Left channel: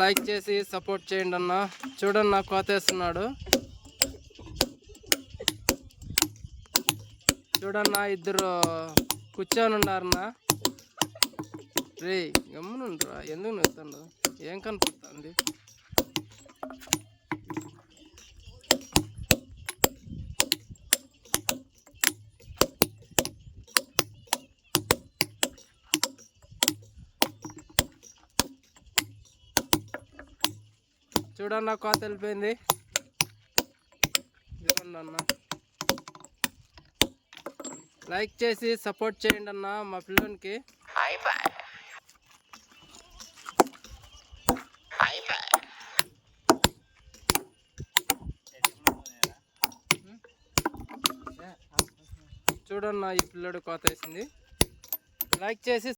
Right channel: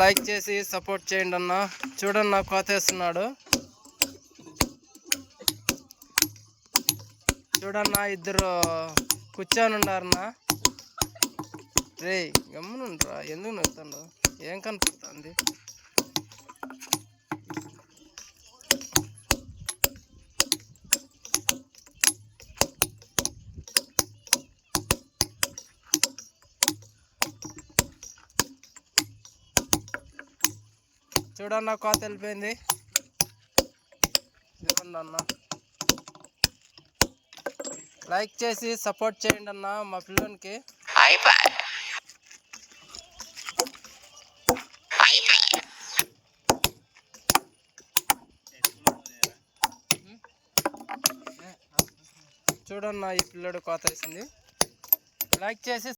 Like చేసి support చేయండి అన్న. చూడన్న కోతేస్తున్నాడు. చూడన్న ఇద్దరు కూర్చొని ఉండారన్నా. రే గమ్మునుండ్రా, ఎందుకు నవ్వుతాడు? ఏం కనపడుతుంది? చూడన్న కోత వెళ్ళిపోయింది. ఇదిగోండి అన్న, లైక్ చేసి సపోర్ట్ చేయండి అన్న మా పిల్లోనికి. చూడన్న ఈ పిల్లడు కోత వేసింది. లైక్ చేసి